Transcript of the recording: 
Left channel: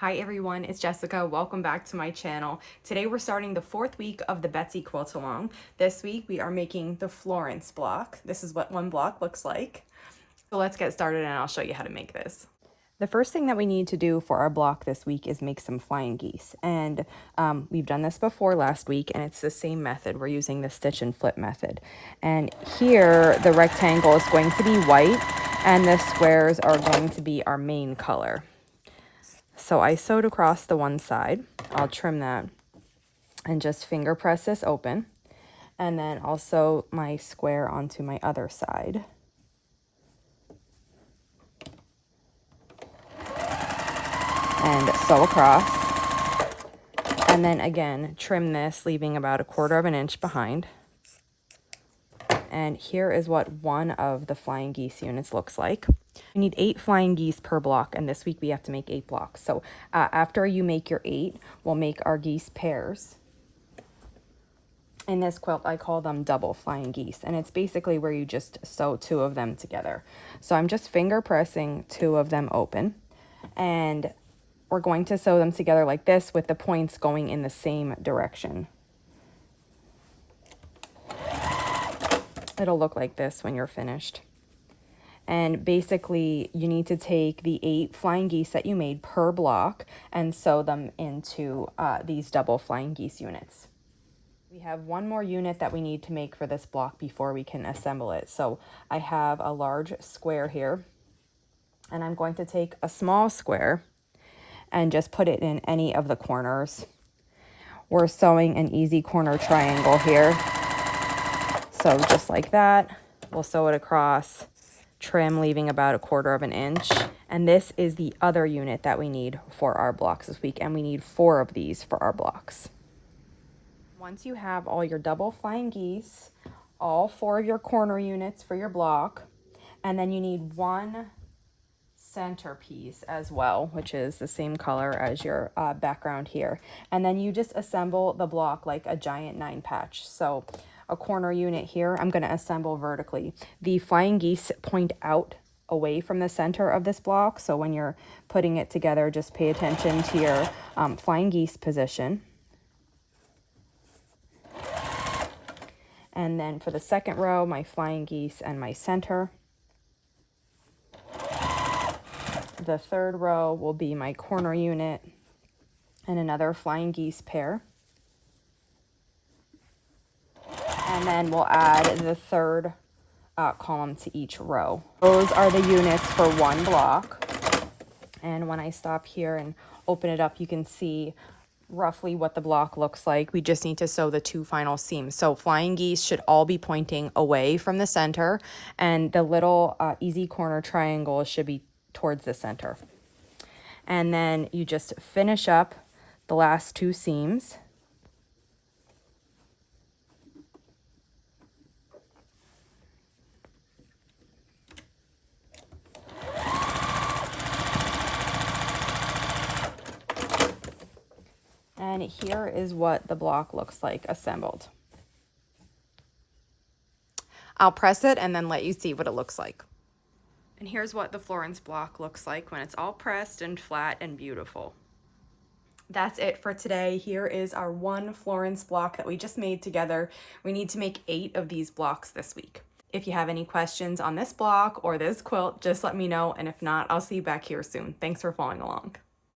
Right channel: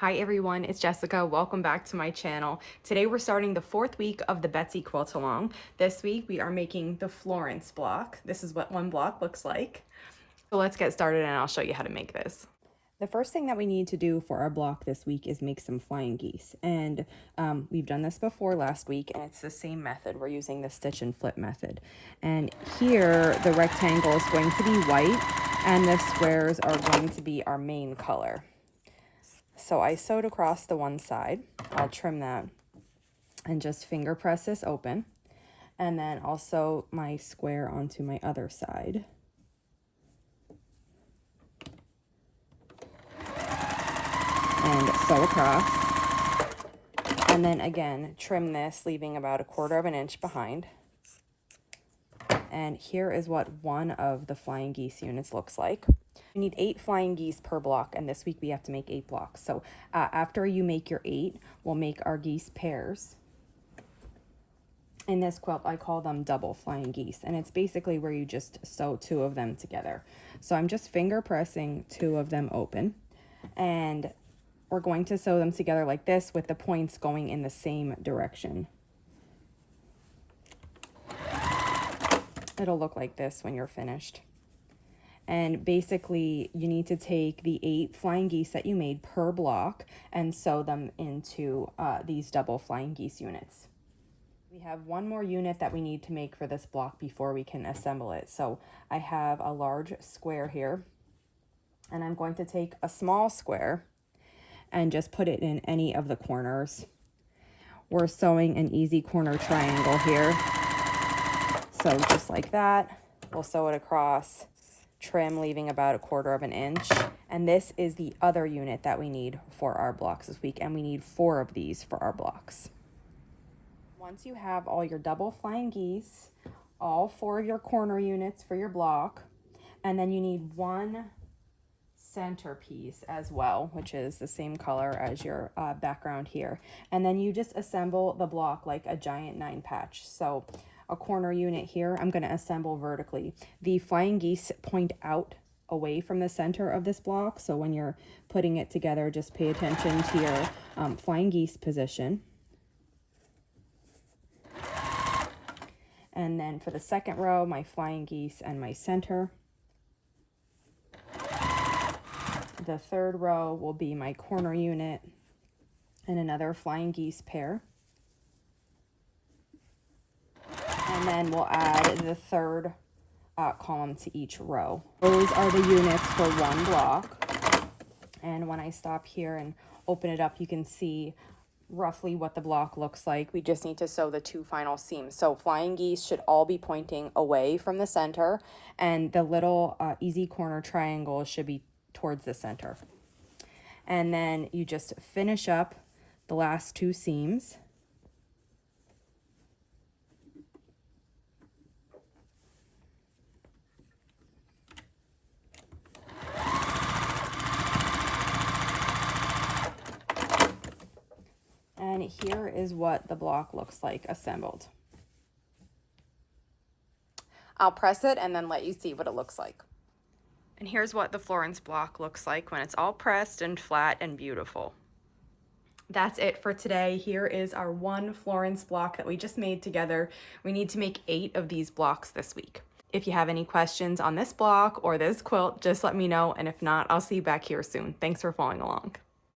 Hi everyone, it's Jessica. Welcome back to my channel. Today we're starting the 4th week of the Betsy Quilt along. This week we are making the Florence block. This is what one block looks like. So let's get started and I'll show you how to make this. The first thing that we need to do for our block this week is make some flying geese. And we've done this before last week and it's the same method. We're using the stitch and flip method. And here the rectangle is going to be white and the squares are going to be our main color. So I sewed across the one side. I'll trim that and just finger press this open. And then I'll sew my square onto my other side. And sew across. And then again, trim this, leaving about 1/4 inch behind. And here is what one of the flying geese units looks like. We need 8 flying geese per block, and this week we have to make 8 blocks. So after you make your 8, we'll make our geese pairs. In this quilt, I call them double flying geese, and it's basically where you just sew 2 of them together. So I'm just finger pressing 2 of them open, and we're going to sew them together like this with the points going in the same direction. It'll look like this when you're finished. And basically you need to take the 8 flying geese that you made per block and sew them into these double flying geese units. We have one more unit that we need to make for this block before we can assemble it. So I have a large square here, and I'm going to take a small square and just put it in any of the corners. We're sewing an easy corner triangle here. So just like that, we'll sew it across, trim, leaving about 1/4 inch. And this is the other unit that we need for our blocks this week, and we need 4 of these for our blocks. Once you have all your double flying geese, all 4 of your corner units for your block, and then you need 1 centerpiece as well, which is the same color as your background here. And then you just assemble the block like a giant 9 patch. So a corner unit here, I'm going to assemble vertically. The flying geese point out away from the center of this block. So when you're putting it together, just pay attention to your flying geese position. And then for the second row, my flying geese and my center. The third row will be my corner unit and another flying geese pair. And then we'll add the third column to each row. Those are the units for one block. And when I stop here and open it up, you can see roughly what the block looks like. We just need to sew the 2 final seams. So flying geese should all be pointing away from the center, and the little easy corner triangle should be towards the center. And then you just finish up the last 2 seams. And here is what the block looks like assembled. I'll press it and then let you see what it looks like. And here's what the Florence block looks like when it's all pressed and flat and beautiful. That's it for today. Here is our one Florence block that we just made together. We need to make 8 of these blocks this week. If you have any questions on this block or this quilt, just let me know. And if not, I'll see you back here soon. Thanks for following along.